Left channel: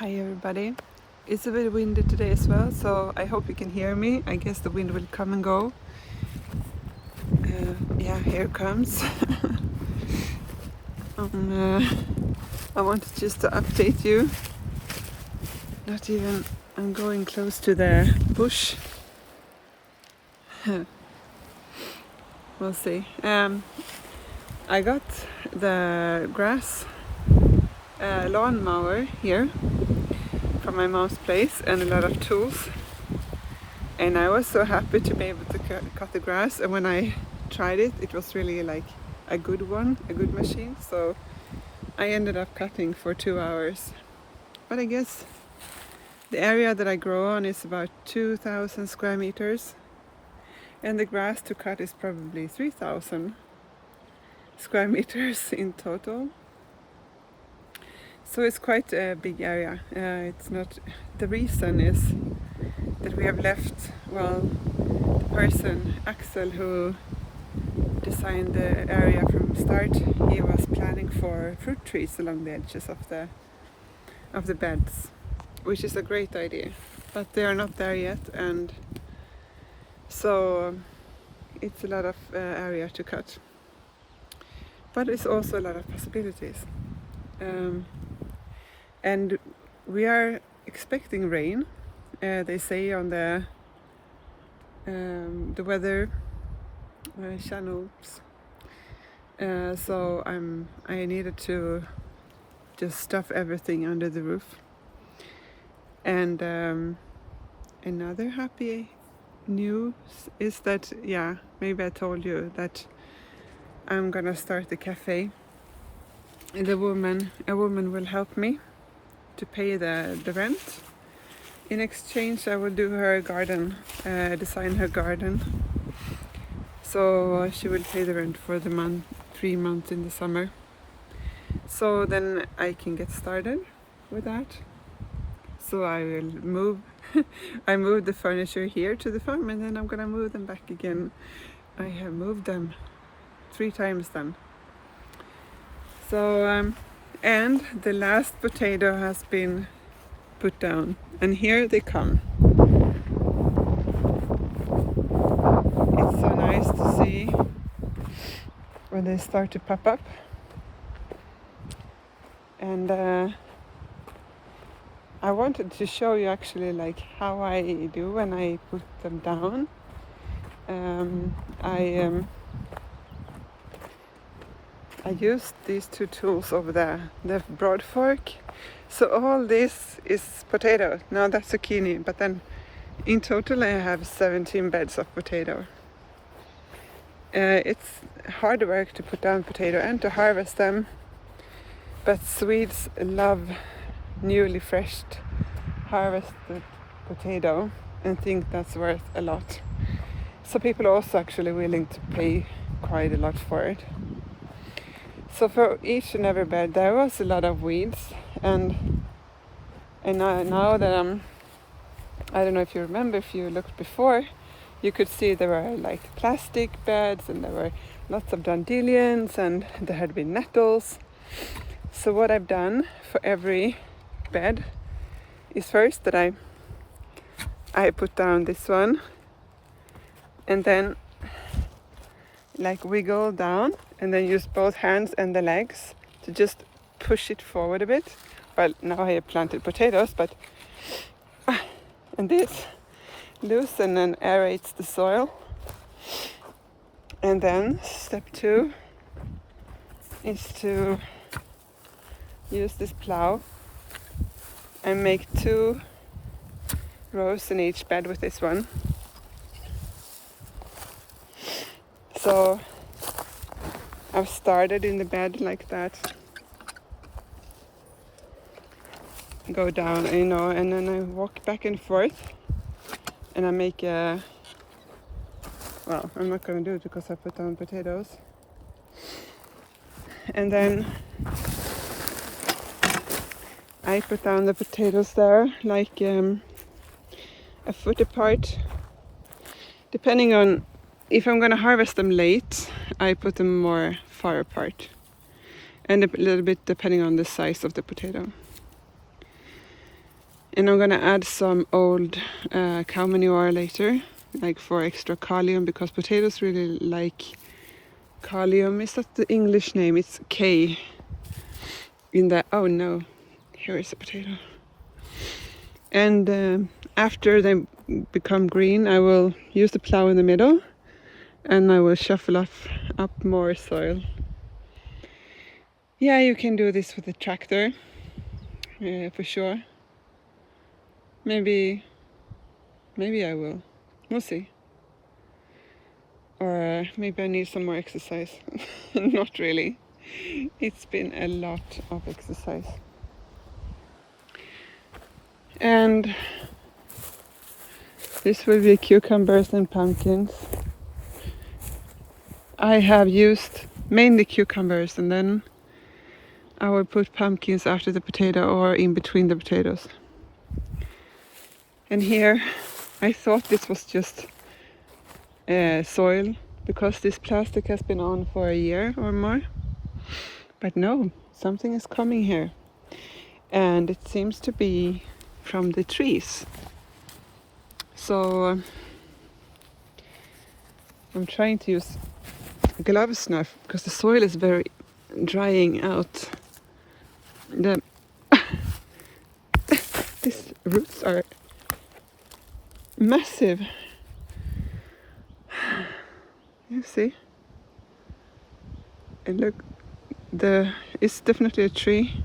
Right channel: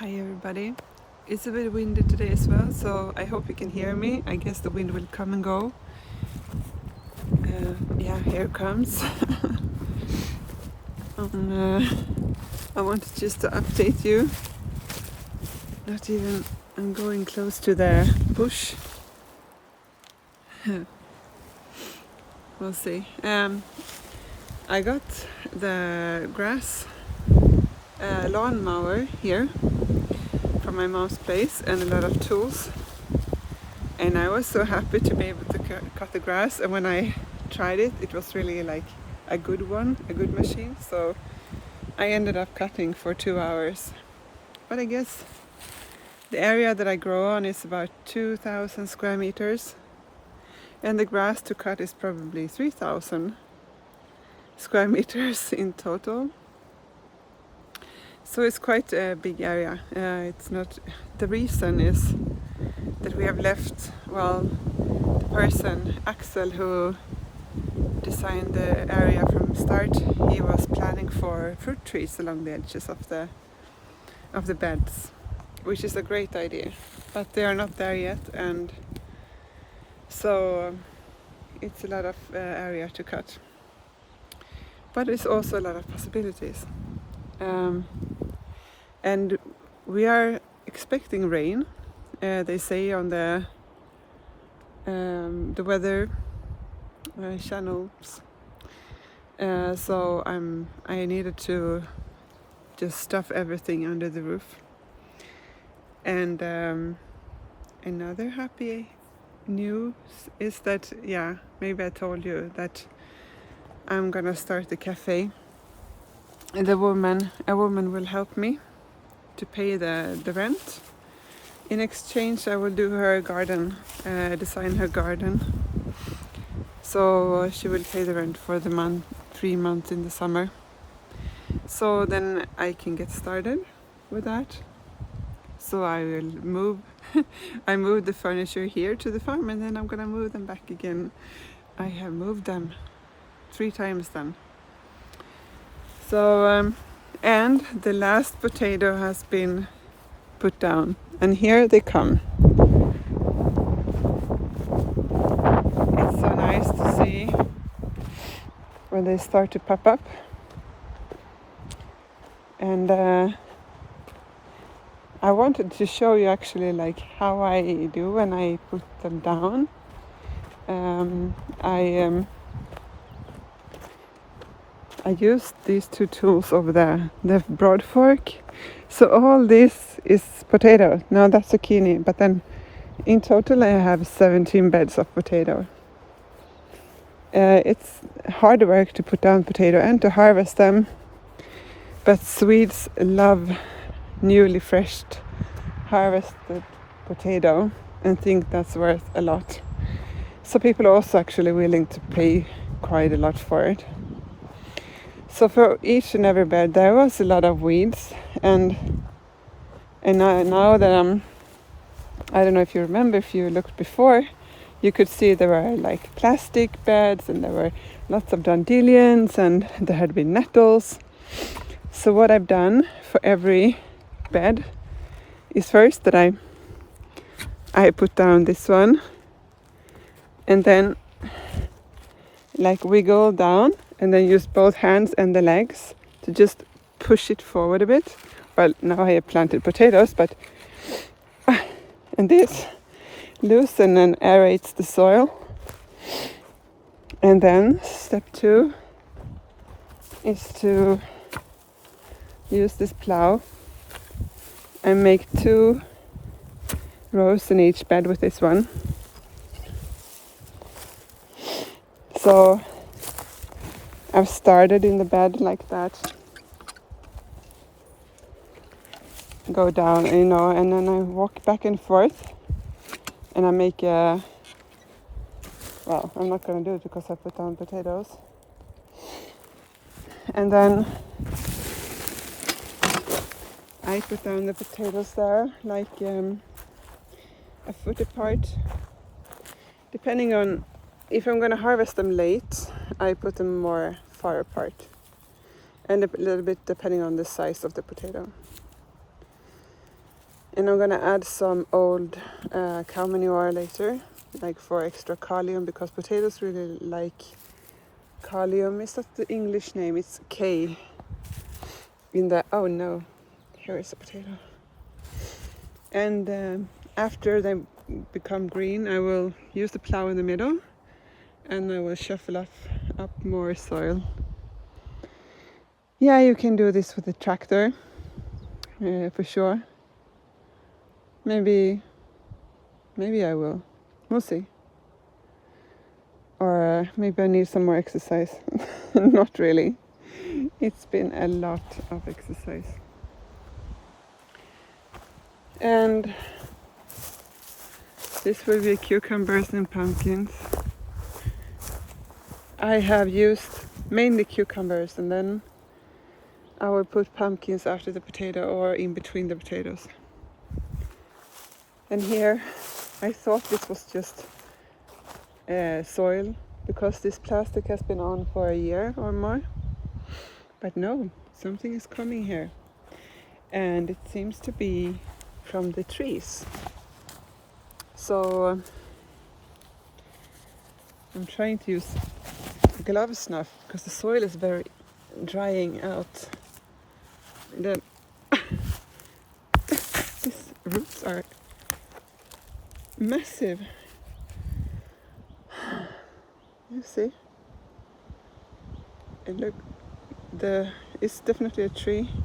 Hi everybody. It's a bit windy today as well, so I hope you can hear me. I guess the wind will come and go. Yeah, here it comes. I wanted just to update you. Not even, I'm going close to the bush. We'll see. I got the grass lawnmower here from my mom's place and a lot of tools. And I was so happy to be able to cut the grass, and when I tried it, it was really like a good one, a good machine. So I ended up cutting for 2 hours. But I guess the area that I grow on is about 2,000 square meters, and the grass to cut is probably 3,000 square meters in total. So it's quite a big area. It's not, the reason is that we have left, well, the person, Axel, who designed the area from the start, he was planning for fruit trees along the edges of the beds, which is a great idea, but they are not there yet, and so it's a lot of area to cut, but it's also a lot of possibilities, and we are expecting rain. They say on the weather channels. So I needed to just stuff everything under the roof. And another happy news is that, yeah, maybe I told you that I'm gonna start the cafe. And a woman will help me to pay the rent. In exchange, I will do her garden, design her garden. So she will pay the rent for the 3 months in the summer. So then I can get started with that. So I will move. I moved the furniture here to the farm, and then I'm gonna move them back again. I have moved them 3 times then. So and the last potato has been put down, and here they come. It's so nice to see when they start to pop up. And I wanted to show you actually like how I do when I put them down. I used these 2 tools over there, the broad fork. So all this is potato. Now that's zucchini, but then in total I have 17 beds of potato. It's hard work to put down potato and to harvest them, but Swedes love newly fresh harvested potato and think that's worth a lot. So people are also actually willing to pay quite a lot for it. So for each and every bed there was a lot of weeds, and now that I don't know if you remember, if you looked before, you could see there were like plastic beds, and there were lots of dandelions, and there had been nettles. So what I've done for every bed is first that I put down this one, and then like wiggle down, and then use both hands and the legs to just push it forward a bit. Well, now I have planted potatoes, but and this loosen and aerates the soil. And then step 2 is to use this plow and make 2 rows in each bed with this one. So I've started in the bed like that, go down, and then I walk back and forth, and I make a, well, I'm not gonna do it because I put down potatoes. And then I put down the potatoes there, like a foot apart. Depending on if I'm gonna harvest them late, I put them more far apart, and a little bit depending on the size of the potato. And I'm gonna add some old cow manure later, like for extra kalium, because potatoes really like kalium. Is that the English name? It's K in the, oh no, here is a potato. And after they become green, I will use the plow in the middle and I will shuffle up more soil. Yeah, you can do this with a tractor, for sure. Maybe I will. We'll see. Or maybe I need some more exercise. Not really. It's been a lot of exercise. And this will be cucumbers and pumpkins. I have used mainly cucumbers, and then I will put pumpkins after the potato or in between the potatoes. And here I thought this was just soil, because this plastic has been on for a year or more. But no, something is coming here. And it seems to be from the trees. So I'm trying to use gloves now because the soil is very drying out. These roots are massive. You see? And look, it's definitely a tree.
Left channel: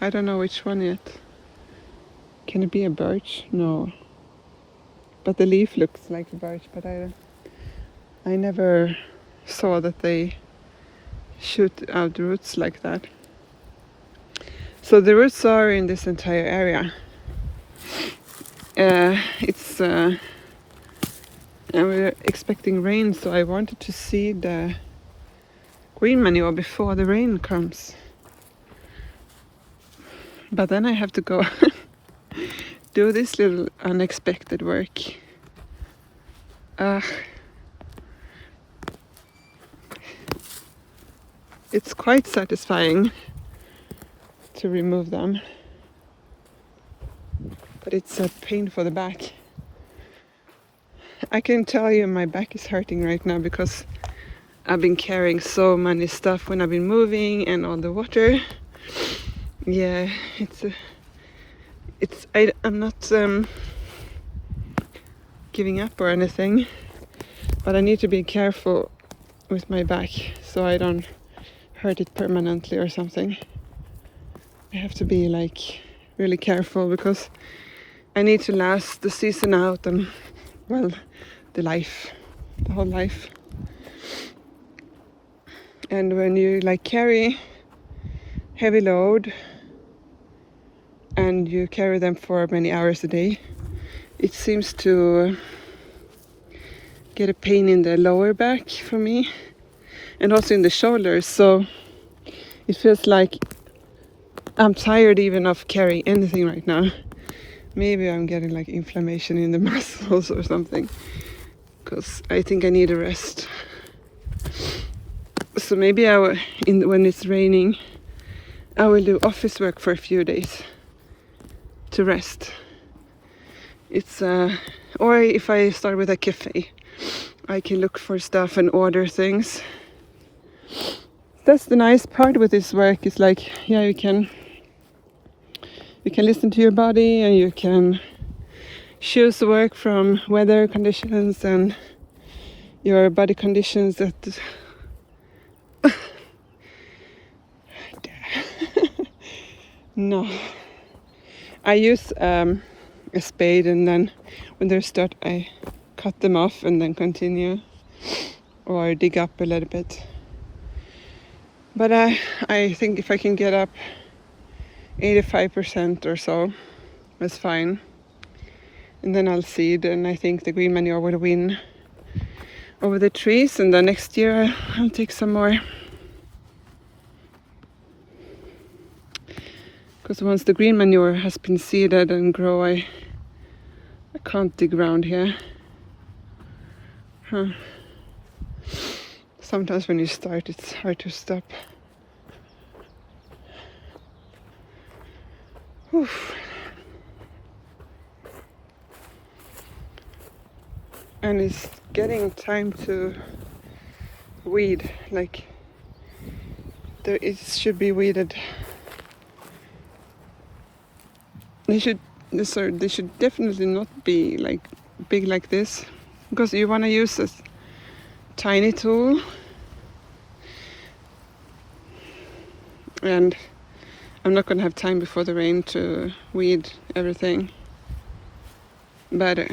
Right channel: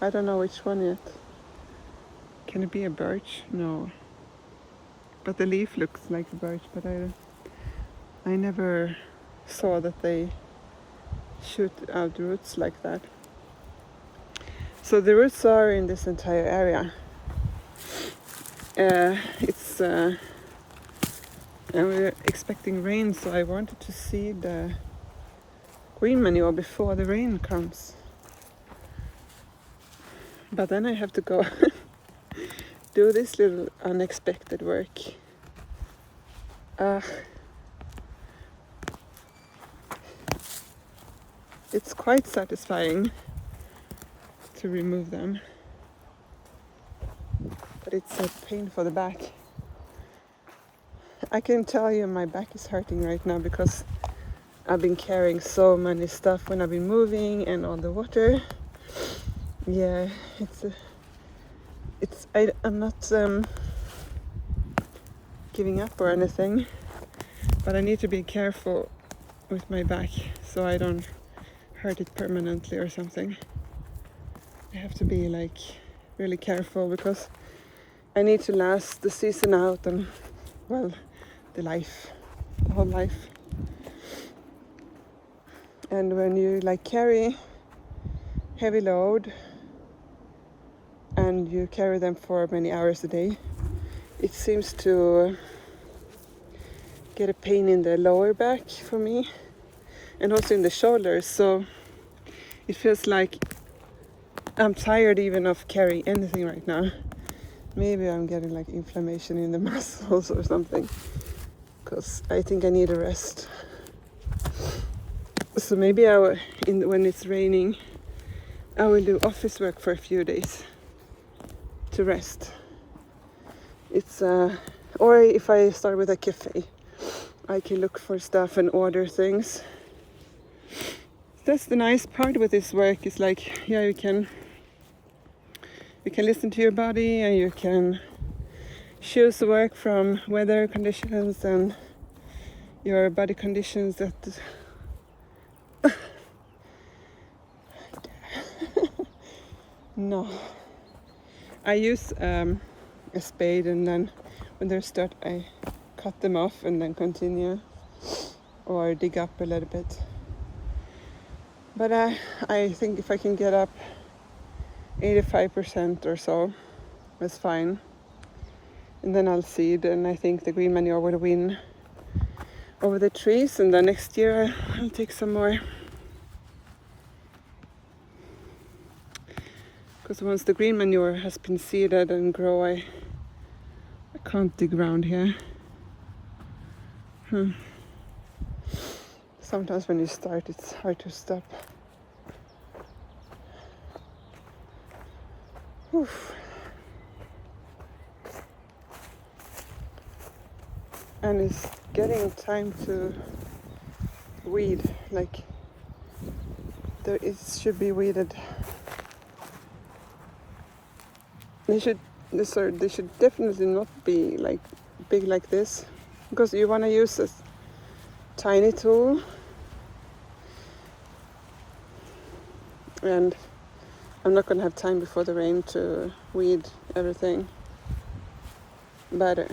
I don't know which one yet. Can it be a birch? No. But the leaf looks like a birch, but I never saw that they shoot out roots like that. So the roots are in this entire area. And we're expecting rain, so I wanted to see the green manure before the rain comes. But then I have to go do this little unexpected work. It's quite satisfying to remove them, but it's a pain for the back. I can tell you my back is hurting right now because I've been carrying so many stuff when I've been moving and on the water. Yeah, I'm not giving up or anything, but I need to be careful with my back so I don't hurt it permanently or something. I have to be like really careful because I need to last the season out and, well, the whole life. And when you like carry heavy load and you carry them for many hours a day, it seems to get a pain in the lower back for me and also in the shoulders. So it feels like I'm tired even of carrying anything right now. Maybe I'm getting like inflammation in the muscles or something, because I think I need a rest. So maybe when it's raining, I will do office work for a few days to rest. Or if I start with a cafe, I can look for stuff and order things. That's the nice part with this work. It's like, yeah, you can listen to your body and you can choose work from weather conditions and your body conditions that no. I use a spade, and then when they start I cut them off and then continue or dig up a little bit. But I think if I can get up 85% or so, that's fine. And then I'll seed, and I think the green manure will win over the trees, and then next year I'll take some more. Because once the green manure has been seeded and grow, I can't dig around here. Sometimes when you start, it's hard to stop. Oof. And it's getting time to weed, like it should be weeded. They should definitely not be like big like this, because you want to use this tiny tool, and I'm not going to have time before the rain to weed everything better.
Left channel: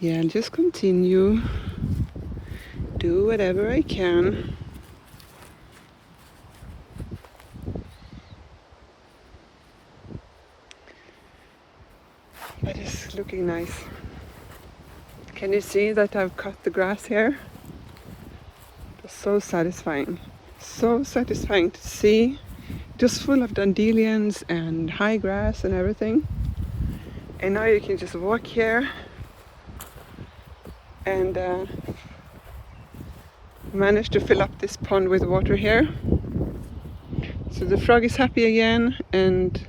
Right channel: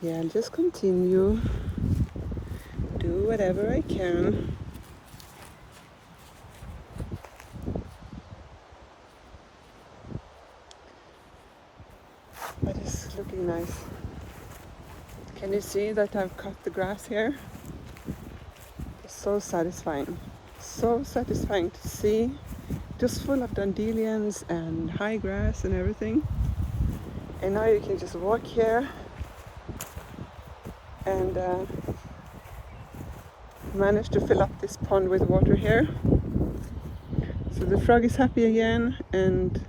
Yeah, I'll just continue, do whatever I can. But it's looking nice. Can you see that I've cut the grass here? It's so satisfying. So satisfying to see. Just full of dandelions and high grass and everything. And now you can just walk here and manage to fill up this pond with water here. So the frog is happy again, and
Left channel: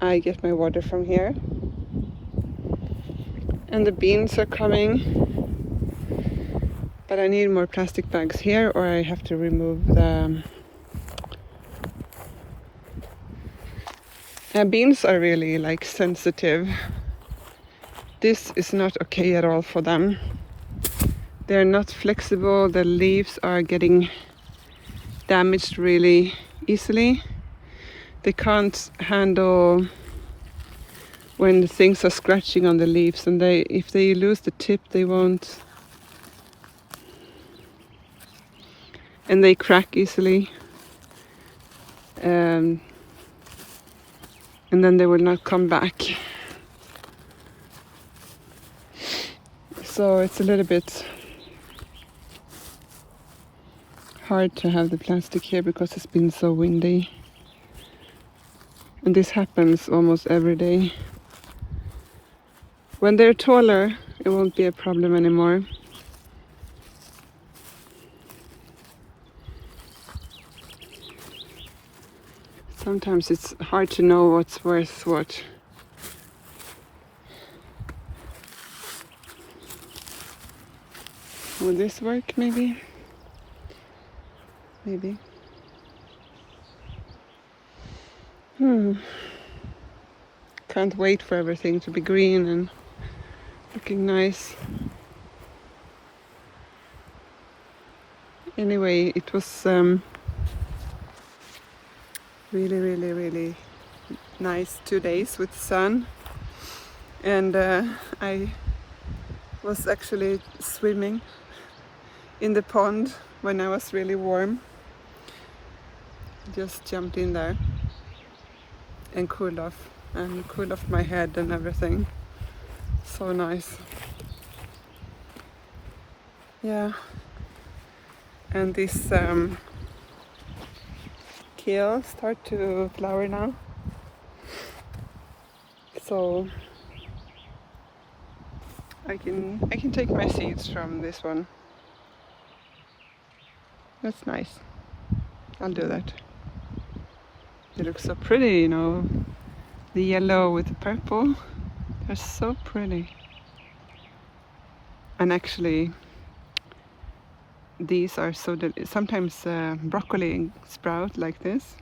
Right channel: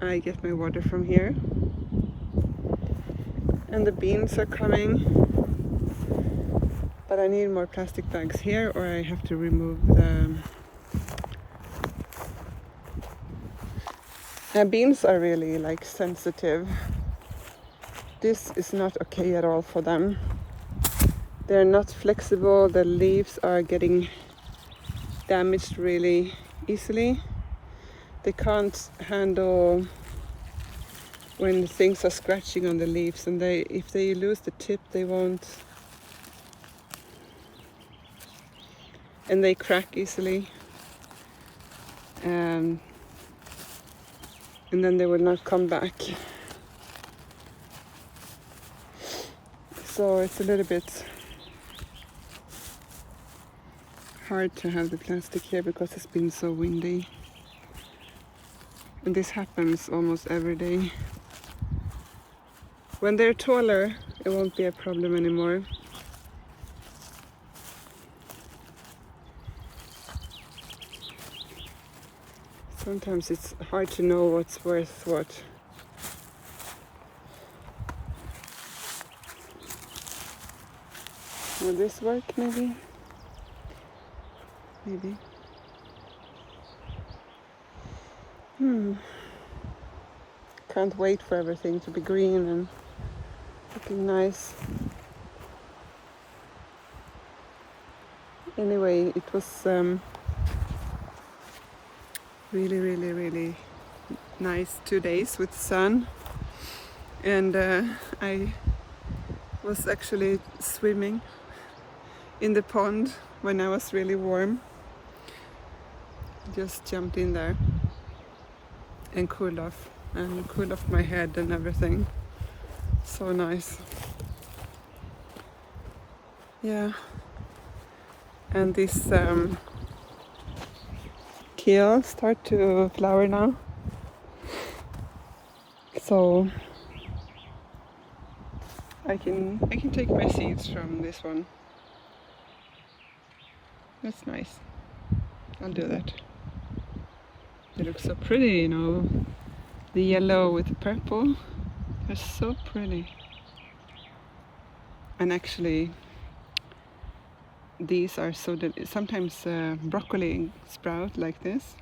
I get my water from here. And the beans are coming, but I need more plastic bags here, or I have to remove the beans are really like sensitive. This is not okay at all for them. They're not flexible. The leaves are getting damaged really easily. They can't handle when things are scratching on the leaves, and if they lose the tip, they won't. And they crack easily. And then they will not come back. So it's a little bit hard to have the plastic here because it's been so windy. And this happens almost every day. When they're taller, it won't be a problem anymore. Sometimes it's hard to know what's worth what. Will this work maybe? Maybe. Can't wait for everything to be green and looking nice. Anyway, it was really nice 2 days with sun, and I was actually swimming in the pond when I was really warm. Just jumped in there and cooled off my head and everything. So nice. Yeah. And this kale start to flower now. So I can take my seeds from this one. That's nice. I'll do that. They look so pretty, you know. The yellow with the purple. They're so pretty. And actually, these are so sometimes broccoli sprout like this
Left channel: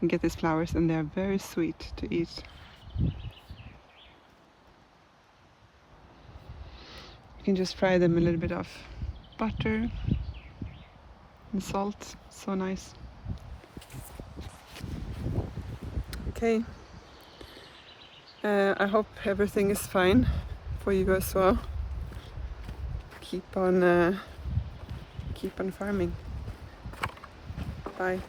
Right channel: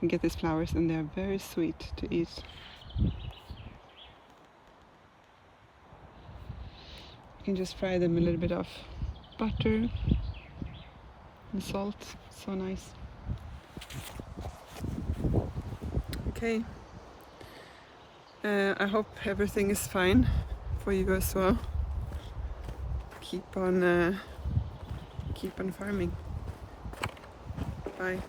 and get these flowers, and they're very sweet to eat. You can just fry them a little bit of butter and salt. So nice. Okay. I hope everything is fine for you as well. Keep on farming. Bye.